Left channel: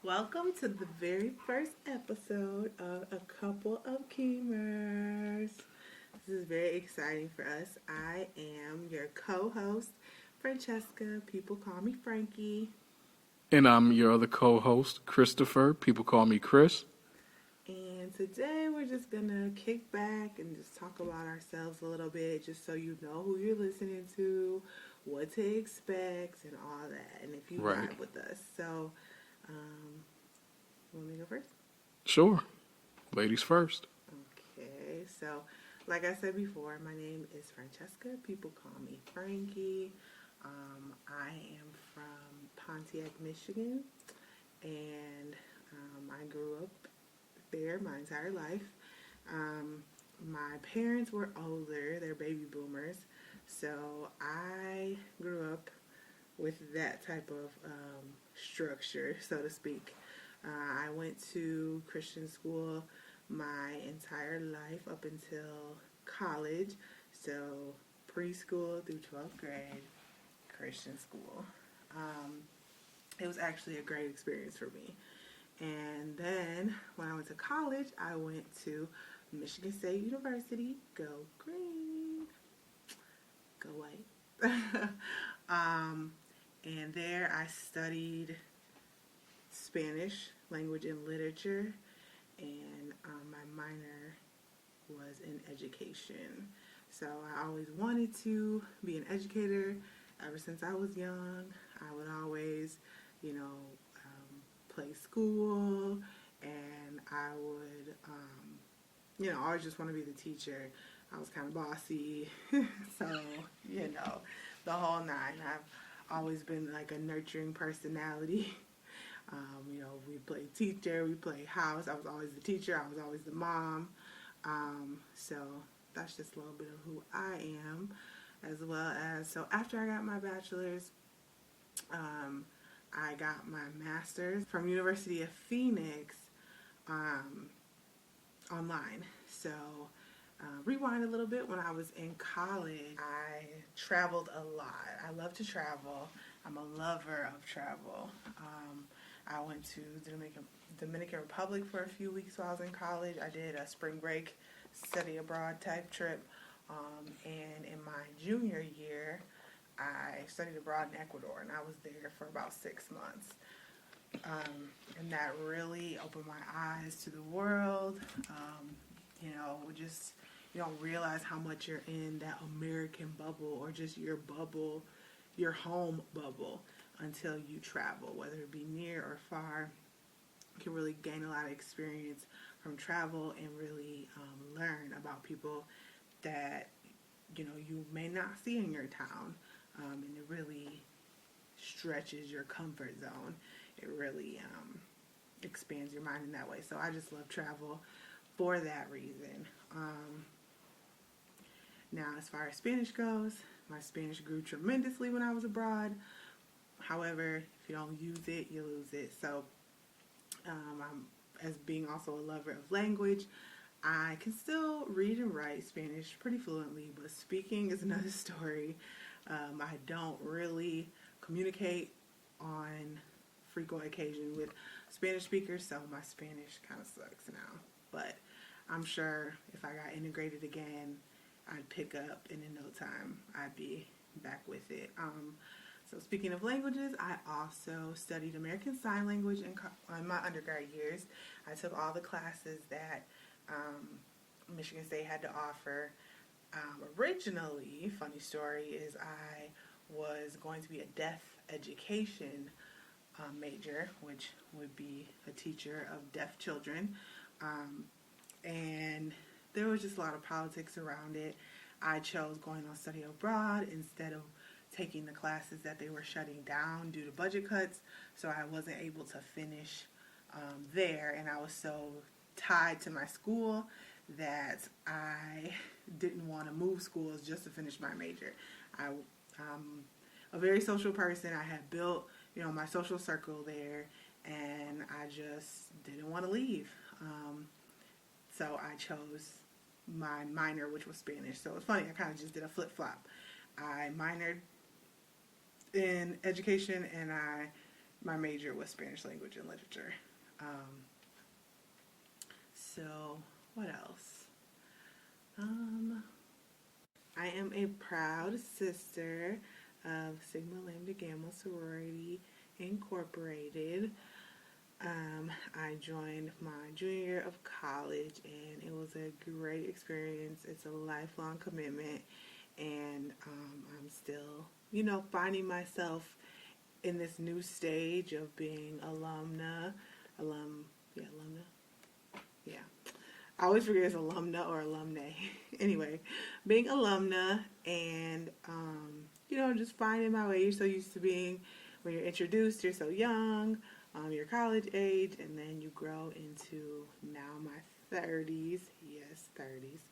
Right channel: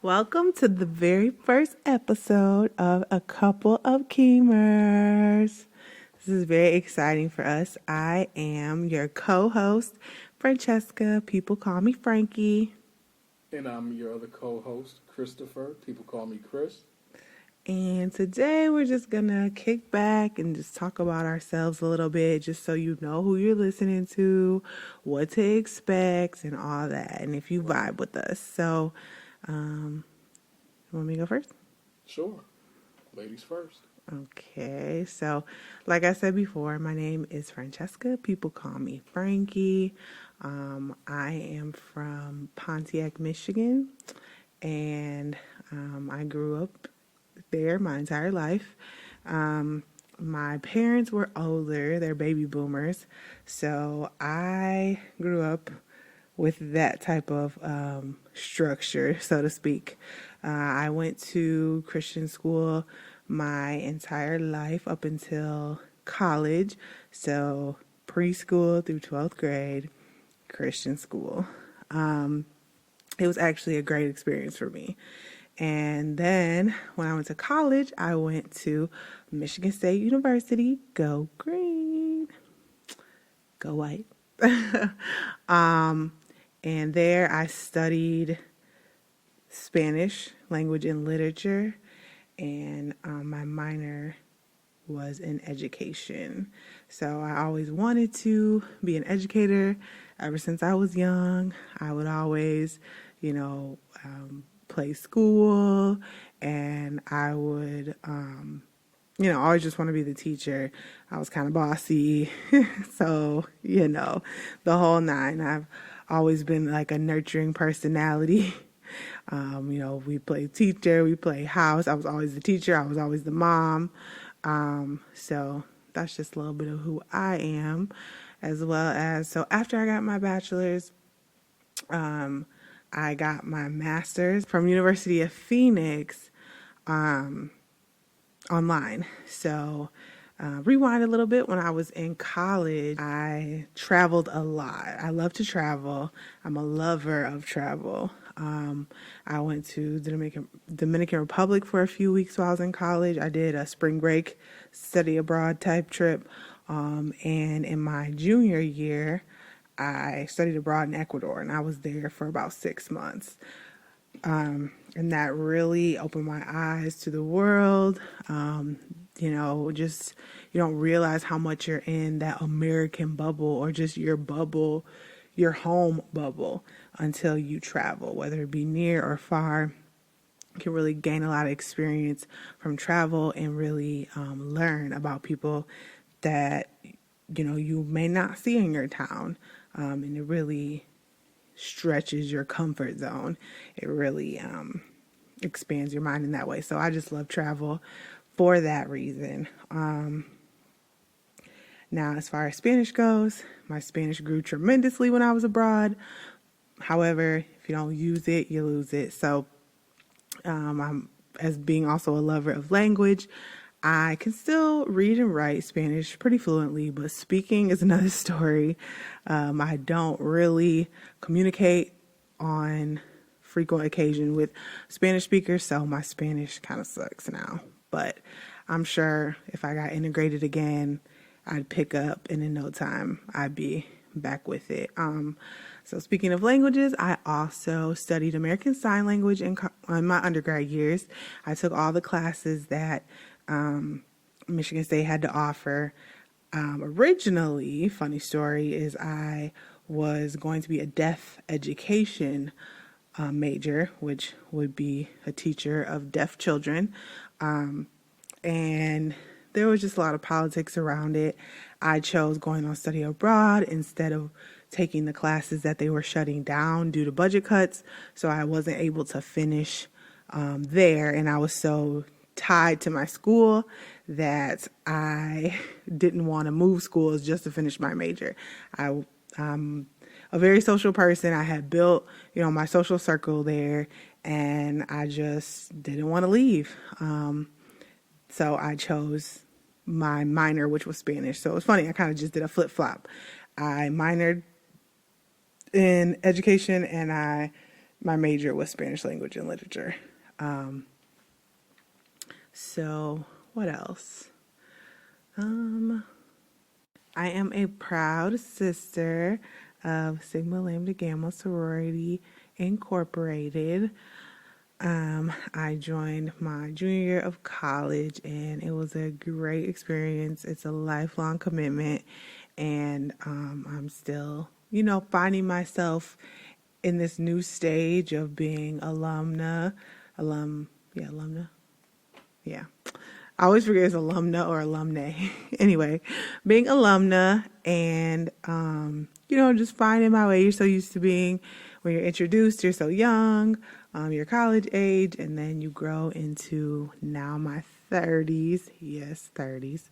Welcome to the very first episode of A Couple of Keemers. This is very exciting for us. I am your co host, Francesca. People call me Frankie. And I'm your other co host, Christopher. People call me Chris. And today we're just going to kick back and just talk about ourselves a little bit, just so you know who you're listening to, what to expect, and all that. And if you Right. vibe with us. So, you want me to go first? Sure. Ladies first. Okay, so like I said before, my name is Francesca. People call me Frankie. I am from Pontiac, Michigan, and I grew up there my entire life. My parents were older, they're baby boomers, so I grew up with that type of structure, so to speak. I went to Christian school my entire life up until college. So preschool through 12th grade, Christian school. It was actually a great experience for me. And then when I went to college, I went to Michigan State University. Go green, go white. And there I studied Spanish language and literature, and my minor was in education. So I always wanted to be an educator ever since I was young. I would always, play school, and I would, always just want to be the teacher. I was kind of bossy. So, the whole nine. I've always been like a nurturing personality. We play teacher, we play house. I was always the teacher, I was always the mom. So that's just a little bit of who I am, as well as, so after I got my bachelor's, I got my master's from University of Phoenix, online. So rewind a little bit. When I was in college, I traveled a lot. I love to travel. I'm a lover of travel. I went to the Dominican Republic for a few weeks while I was in college. I did a spring break study abroad type trip. And in my junior year, I studied abroad in Ecuador, and I was there for about 6 months. And that really opened my eyes to the world. Just you don't realize how much you're in that American bubble, or just your bubble, your home bubble, until you travel, whether it be near or far. You can really gain a lot of experience from travel and really learn about people that you may not see in your town, and it really stretches your comfort zone. It really expands your mind in that way. So I just love travel for that reason. Now, as far as Spanish goes, my Spanish grew tremendously when I was abroad. However, if you don't use it, you lose it. So I'm, as being also a lover of language, I can still read and write Spanish pretty fluently, but speaking is another story. I don't really communicate on frequent occasion with Spanish speakers, so my Spanish kind of sucks now. But I'm sure if I got integrated again, I'd pick up, and in no time, I'd be back with it. So speaking of languages, I also studied American Sign Language in my undergrad years. I took all the classes that Michigan State had to offer. Originally, funny story, is I was going to be a deaf education major, which would be a teacher of deaf children. And there was just a lot of politics around it. I chose going on study abroad instead of taking the classes that they were shutting down due to budget cuts. So I wasn't able to finish there. And I was so tied to my school that I didn't want to move schools just to finish my major. I'm a very social person. I had built, my social circle there, and I just didn't want to leave. So I chose my minor, which was Spanish. So it was funny. I kind of just did a flip flop. I minored in education, and I my major was Spanish language and literature. So what else? I am a proud sister of Sigma Lambda Gamma Sorority Incorporated. I joined my junior year of college and it was a great experience. It's a lifelong commitment, and I'm still, finding myself in this new stage of being alumna. Yeah. I always forget it's alumna or alumnae. Anyway, being alumna and, just finding my way. You're so used to being, when you're introduced, you're so young, you're college age, and then you grow into now my 30s. Yes, 30s.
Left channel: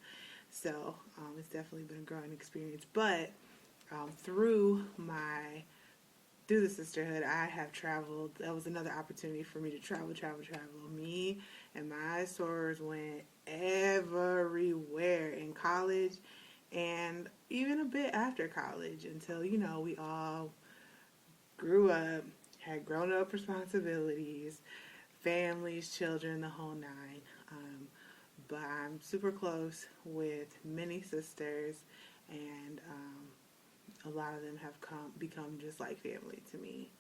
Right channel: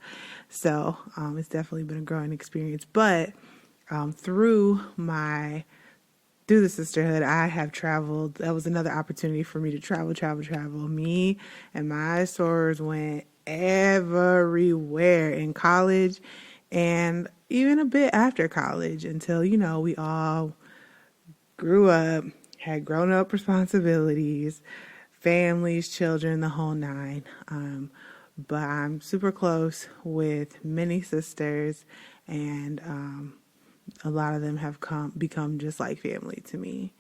So it's definitely been a growing experience. But through the sisterhood, I have traveled. That was another opportunity for me to travel. Me and my sorors went everywhere in college and even a bit after college until, we all grew up, had grown up responsibilities, families, children, the whole nine. But I'm super close with many sisters, and a lot of them have become just like family to me.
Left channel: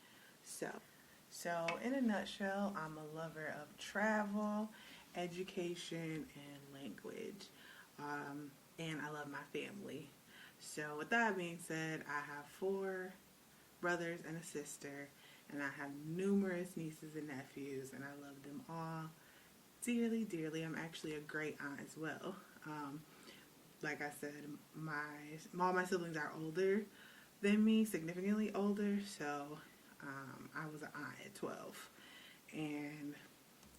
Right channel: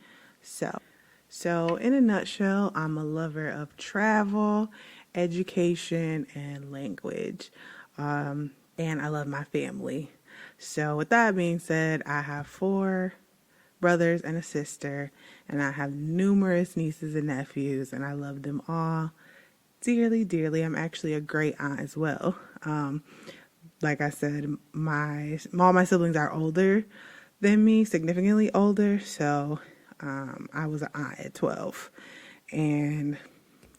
So in a nutshell, I'm a lover of travel, education, and language. And I love my family. So with that being said, I have 4 brothers and a sister, and I have numerous nieces and nephews, and I love them all dearly, dearly. I'm actually a great aunt as well. Like I said, all my siblings are older than me, significantly older. So I was an aunt at 12, and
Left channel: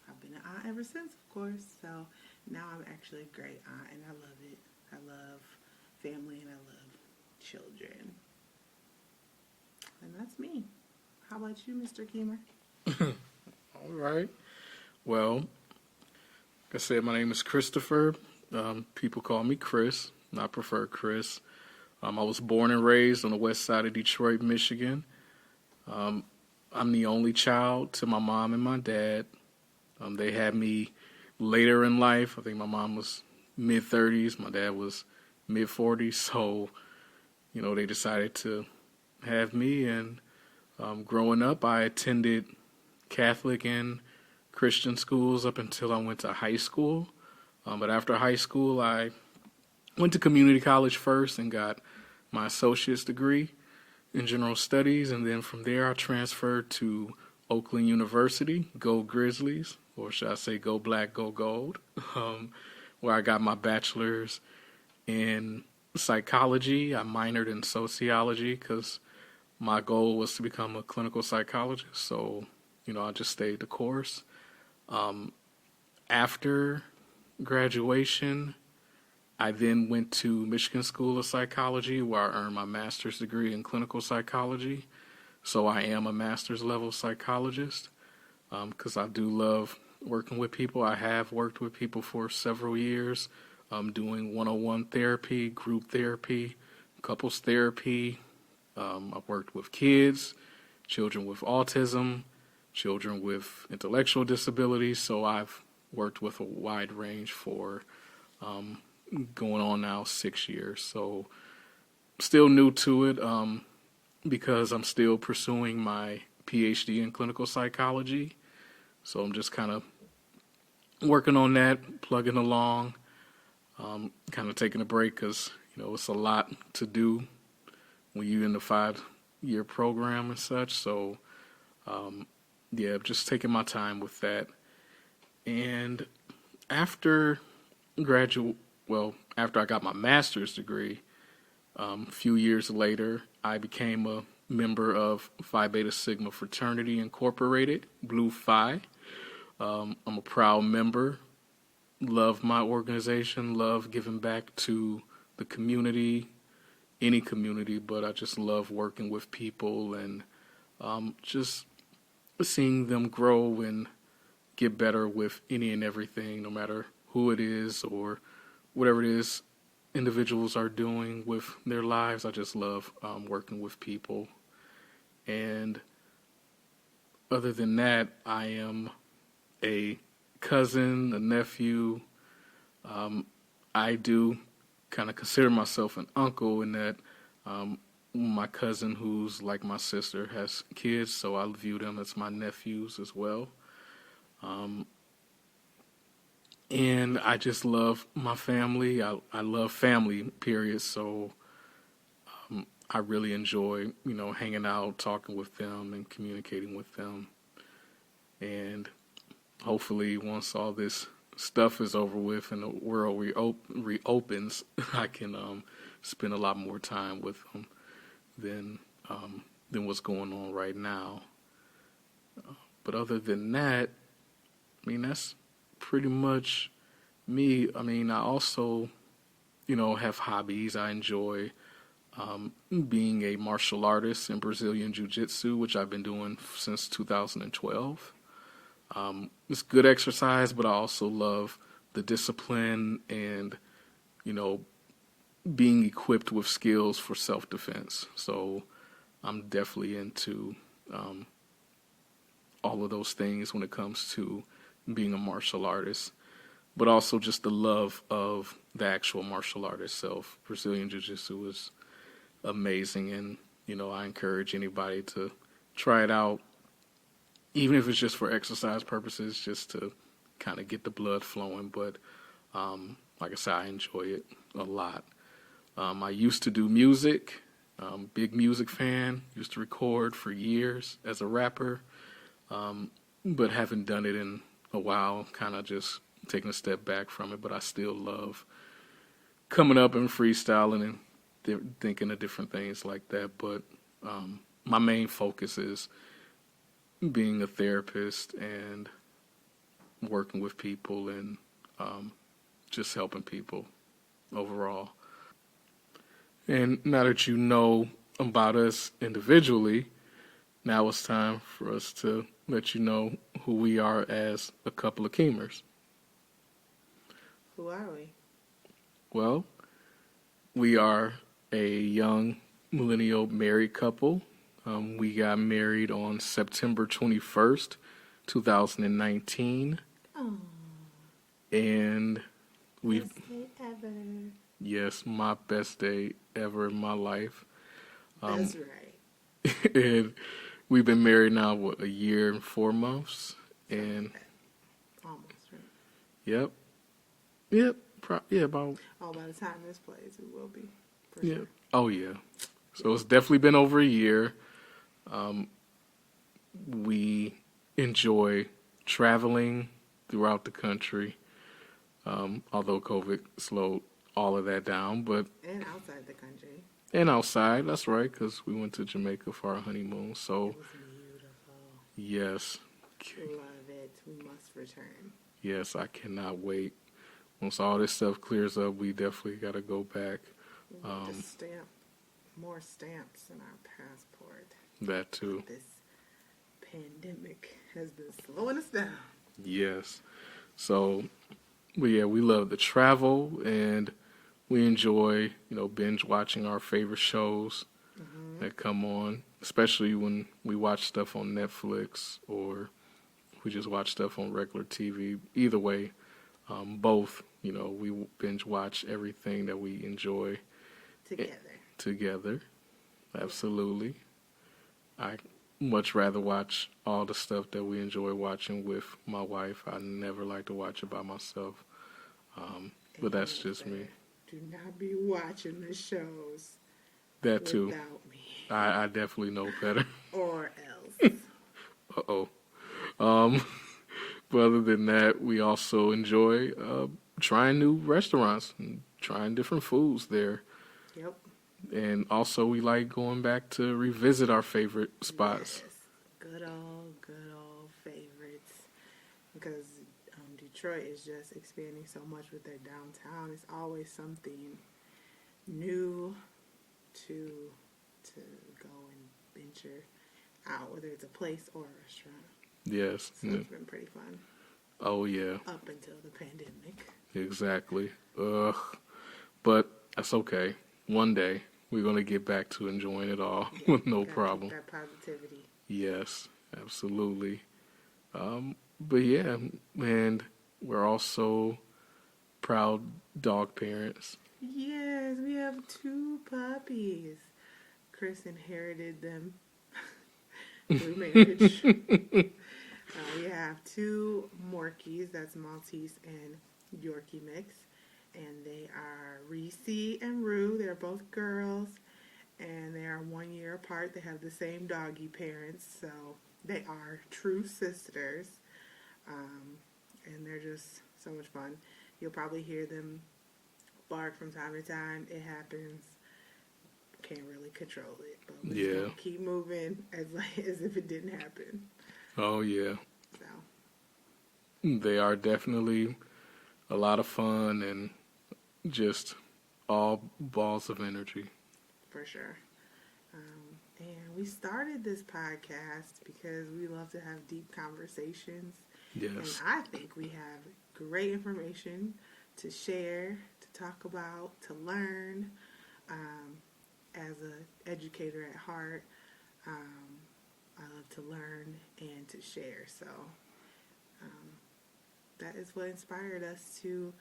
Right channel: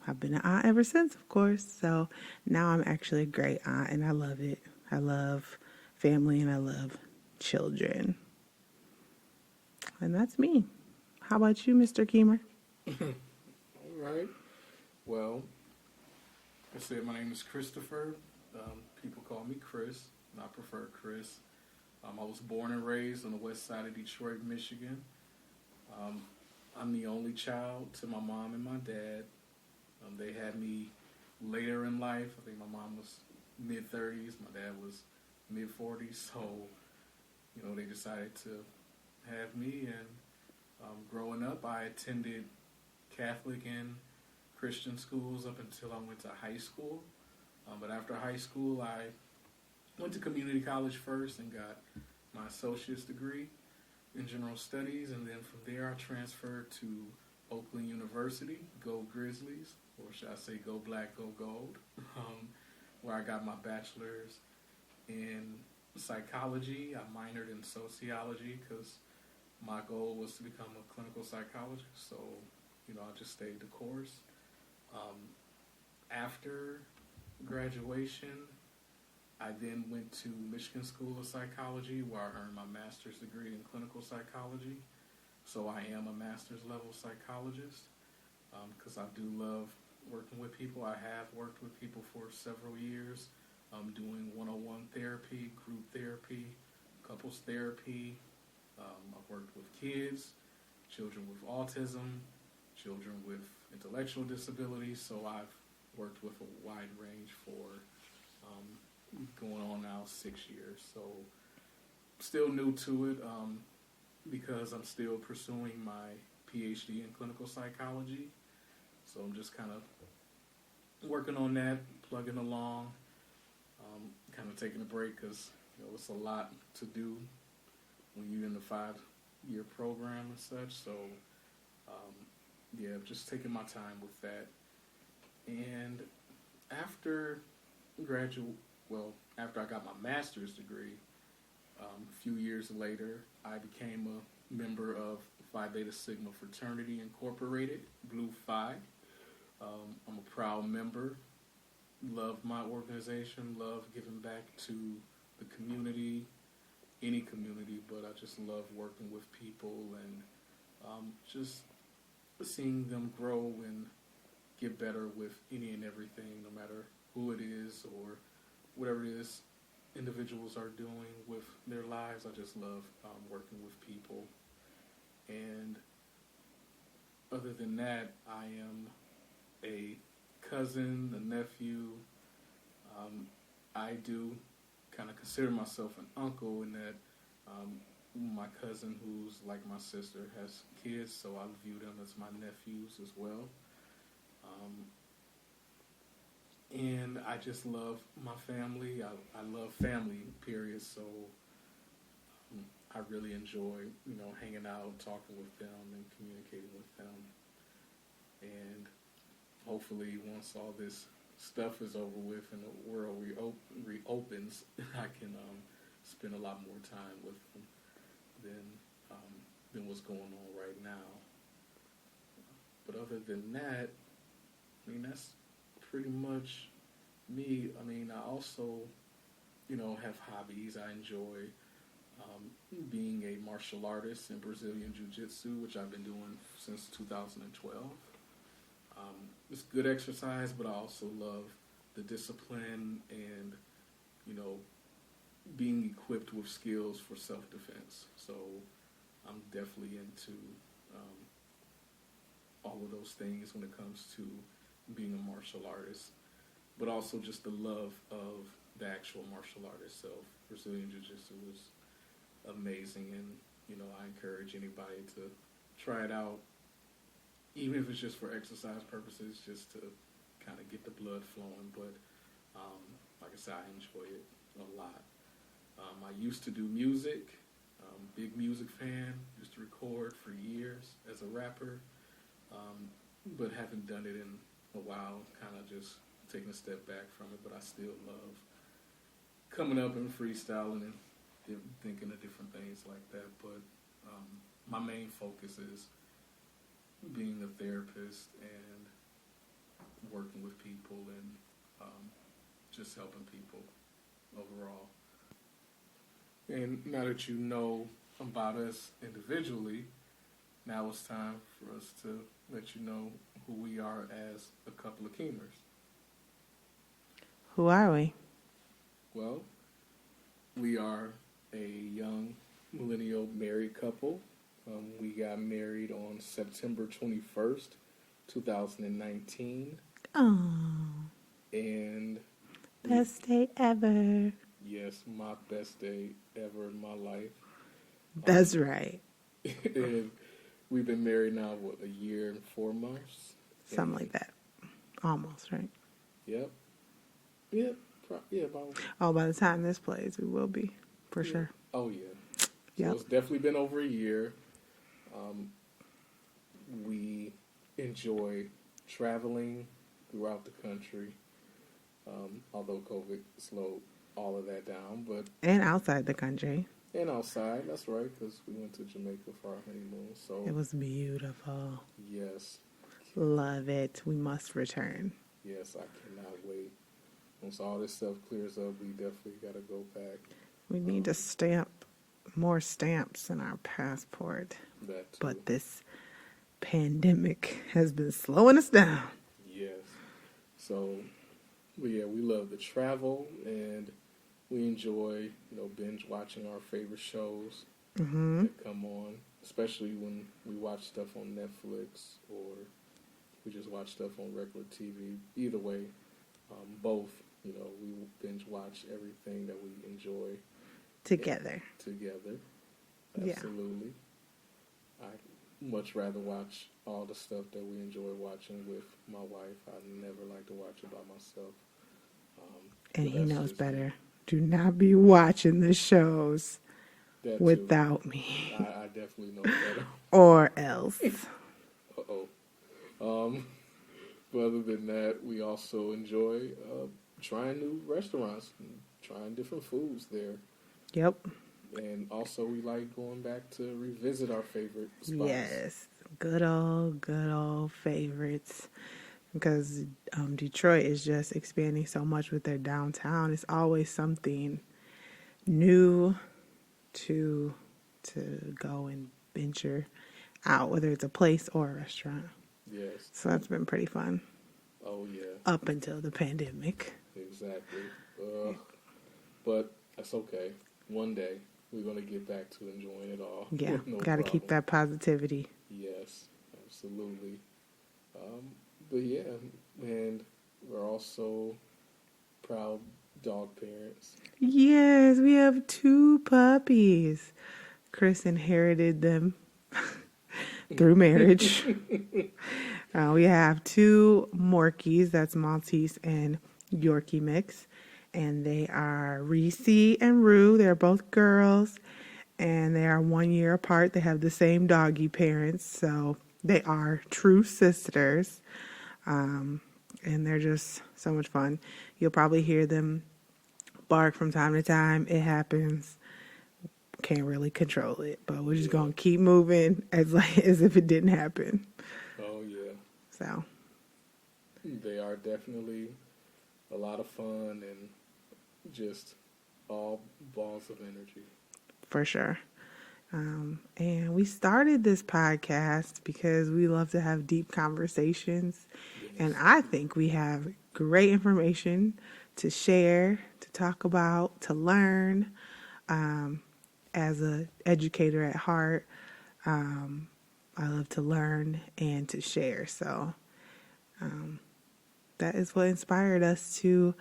I've been an aunt ever since, of course. So now I'm actually a great aunt, and I love it. I love family, and I love children. And that's me. How about you, Mr. Keemer? All right. Well, like I said, my name is Christopher. People call me Chris, and I prefer Chris. I was born and raised on the west side of Detroit, Michigan. I'm the only child to my mom and my dad. They had me later in life. I think my mom was mid-30s. My dad was mid-40s. So, they decided to have me. And growing up, I attended Catholic and Christian schools up until I went to high school. But after high school, I went to community college first and got my associate's degree in general studies. And then from there, I transferred to Oakland University, go Grizzlies, or should I say go Black, go Gold, where I got my bachelor's in psychology. I minored in sociology because my goal was to become a clinical psychologist. So, I just stayed the course. After graduation, I then went to Michigan School of Psychology, where I earned my master's degree in clinical psychology. So I am a master's level psychologist because I do love working with people. I have worked with people for several years, doing one-on-one therapy, group therapy, couples therapy. I've worked with kids, children with autism, children with intellectual disabilities. So I've worked with a wide range for going on now 6 years. So still new to it because I'm still pursuing my PhD in clinical psychology. So I'm just kind of working on that, plugging along, kind of taking a break because, it's a lot to do when you're in the 5-year program and such. So, just taking my time with that. And after I got my master's degree, a few years later, I became a member of Phi Beta Sigma Fraternity Incorporated, Blue Phi. I'm a proud member. Love my organization, love giving back to the community, any community, but I just love working with people and just seeing them grow and get better with any and everything, no matter who it is or whatever it is individuals are doing with their lives. I just love working with people. And other than that, I am a cousin, a nephew. I do kind of consider myself an uncle in that my cousin, who's like my sister, has kids, so I view them as my nephews as well. Um, and I just love my family. I love family, period. So I really enjoy, hanging out, talking with them, and communicating with them. And hopefully, once all this stuff is over with and the world reopens, I can spend a lot more time with them than what's going on right now. But other than that, I mean, that's pretty much me. I mean, I also, have hobbies. I enjoy being a martial artist in Brazilian Jiu-Jitsu, which I've been doing since 2012. It's good exercise, but I also love the discipline and, being equipped with skills for self-defense. So I'm definitely into all of those things when it comes to being a martial artist, but also just the love of the actual martial art itself. Brazilian Jiu-Jitsu is amazing, and, I encourage anybody to try it out, even if it's just for exercise purposes, just to kind of get the blood flowing. But like I said, I enjoy it a lot. I used to do music, big music fan, used to record for years as a rapper, but haven't done it in a while, kind of just taking a step back from it. But I still love coming up and freestyling and thinking of different things like that. But my main focus is being a therapist and working with people and just helping people overall. And now that you know about us individually, now it's time for us to let you know who we are as a couple of Keemers. Who are we? Well, we are a young millennial married couple. We got married on September 21st, 2019. Oh, And best day ever. yes, my best day ever in my life. That's right. And we've been married now, a year and 4 months? Something like that. Almost, right? Yep. About. Oh, by the time this plays, we will be, for sure. Oh, yeah. So Yeah. it's definitely been over a year. We enjoy traveling throughout the country, although COVID slowed all of that down. And outside the country. And outside, that's right, because we went to Jamaica for our honeymoon. So It was beautiful. yes, Love it. We must return. yes, I cannot wait. Once all this stuff clears up, we definitely got to go back. We need to stamp more stamps in our passport. That too. But this pandemic has been slowing us down. Yes. So, but yeah, we love to travel and we enjoy, binge watching our favorite shows that come on, especially when we watch stuff on Netflix or we just watch stuff on regular TV. Either way, both, we binge watch everything that we enjoy Together. together. Absolutely. I much rather watch all the stuff that we enjoy watching with my wife. I never like to watch it by myself. And But that's he knows just better. me. Do not be watching the shows That too. without me. I definitely know better. Or else. Uh-oh. But other than that, we also enjoy trying new restaurants and trying different foods there. Yep. And also we like going back to revisit our favorite spots. Yes. Good old favorites. Because Detroit is just expanding so much with their downtown. It's always something new to go and venture out, whether it's a place or a restaurant. Yes. So that's been pretty fun. Oh, yeah. Up until the pandemic. Exactly. Ugh. But that's okay. One day we're going to get back to enjoying it all Yeah, with no gotta problem. keep that positivity. Yes. Absolutely. But yeah, and we're also proud dog parents. Yes, we have 2 puppies. Chris inherited them through marriage. We have 2 Morkies, that's Maltese and Yorkie mix. And they are Reese and Rue. They're both girls. And they are 1 year apart. They have the same doggy parents. So they are true sisters. And they're just so much fun. You'll probably hear them bark from time to time. It happens. Can't really control it. But we're just going to keep moving as if it didn't happen. Oh, yeah. So They are definitely a lot of fun and just all balls of energy. for sure. And we started this podcast because we love to have deep conversations. Yes. And I think we have great information to share, to talk about, to learn. As an educator at heart, I love to learn and to share. So that is what inspired us to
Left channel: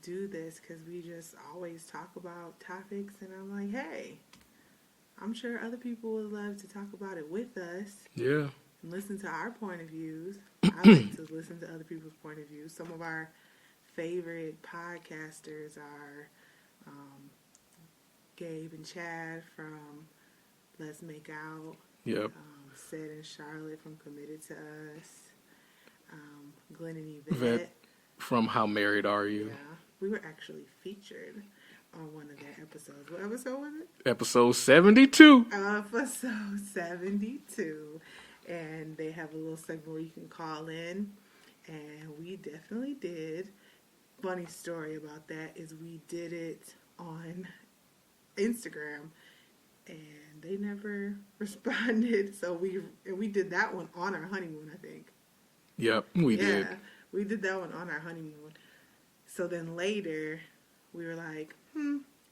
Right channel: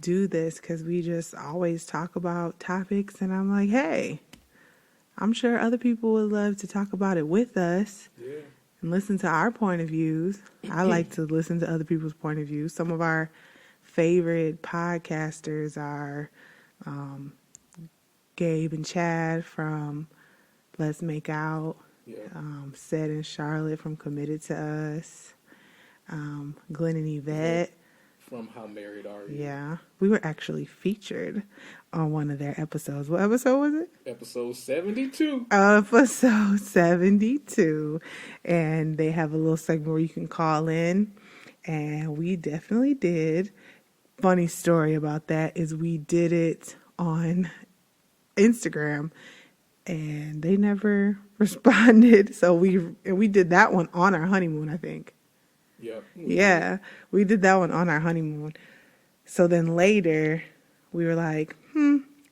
do this, because we just always talk about topics. And I'm like, hey, I'm sure other people would love to talk about it with us. Yeah. And listen to our point of views. I like to listen to other people's point of views. Some of our favorite podcasters are Gabe and Chad from Let's Make Out. Yep. Sed and Charlotte from Committed to Us. Glenn and Yvette. From How Married Are You? Yeah. We were actually featured on one of their episodes. What episode was it? Episode 72. Episode 72. And they have a little segment where you can call in. And we definitely did. Funny story about that is we did it on Instagram and they never responded. So we did that one on our honeymoon, I think. Yep. We did that one on our honeymoon. So then later we were like,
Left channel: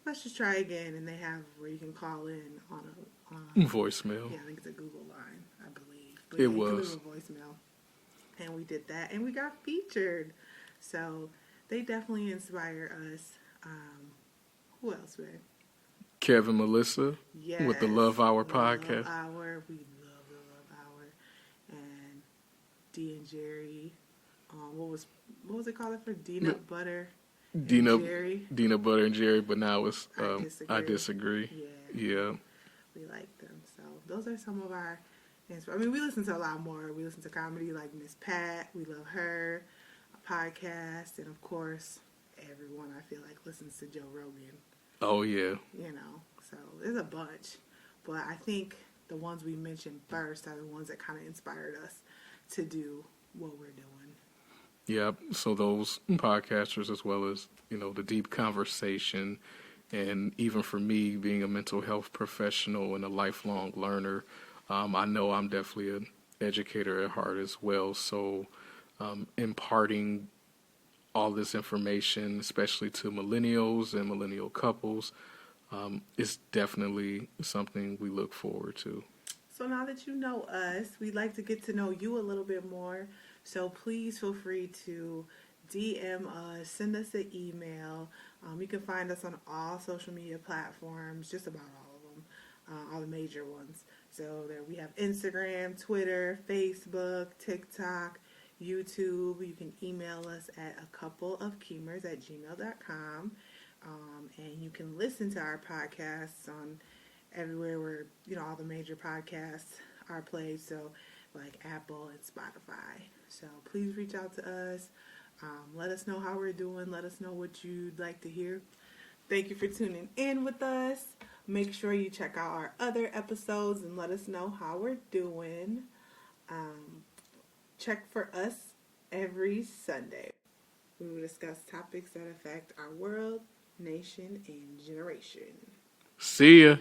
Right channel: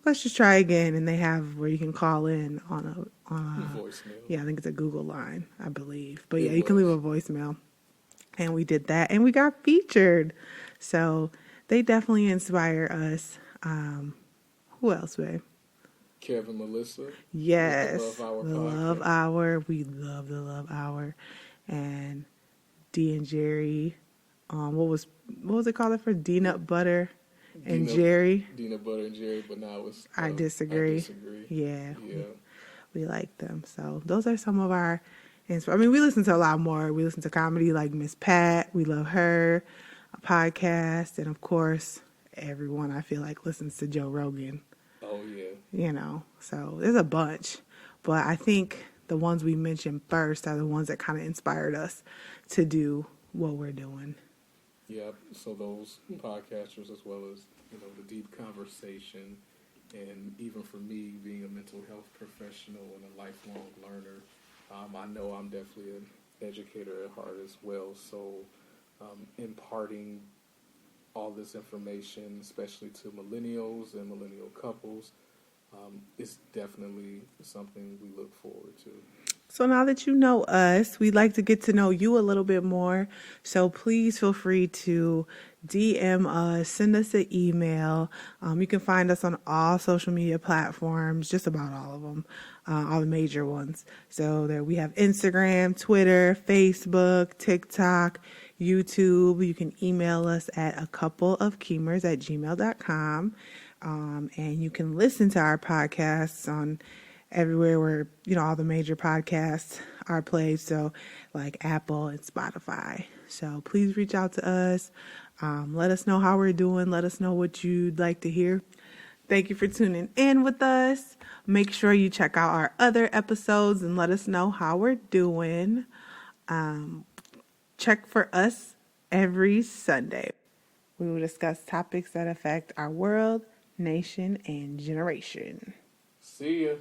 let's just try again. And they have where you can call in on a voicemail. Yeah, I think it's a Google line, I believe. But It yeah, you can leave was. a voicemail. And we did that and we got featured. So they definitely inspire us. Who else, babe? Kevin, Melissa. Yes. With the Love Hour podcast. Love Hour. We love the Love Hour. And Dee and Jerry. What was it called for? Nut Butter and Jerry. Dina Butter and Jerry, but now it's I disagree. I disagree. Yeah. We like them. So those are some of our I mean, we listen to a lot more. We listen to comedy like Miss Pat. We love her. A podcast. And of course, everyone I feel like listens to Joe Rogan. Oh, yeah. So there's a bunch. But I think the ones we mentioned first are the ones that kind of inspired us to do what we're doing. Yep. So those podcasters, as well as, the deep conversation, and even for me being a mental health professional and a lifelong learner, I know I'm definitely an educator at heart as well. So imparting all this information, especially to millennials and millennial couples, is definitely something we look forward to. So now that you know us, we'd like to get to know you a little bit more. So please feel free to DM us, send us an email. You can find us on all social media platforms, just about all of them, all the major ones. So there we have Instagram, Twitter, Facebook, TikTok, YouTube. You can email us at acoupleofkeemers@gmail.com. And you can listen to our podcasts on everywhere where, all the major podcasts are played. So like Apple and Spotify. So please reach out to us. Let us know how we're doing. Let us know what you'd like to hear. Thank you for tuning in with us. Make sure you check out our other episodes and let us know how we're doing. Check for us every Sunday. We will discuss topics that affect our world, nation, and generation. See ya.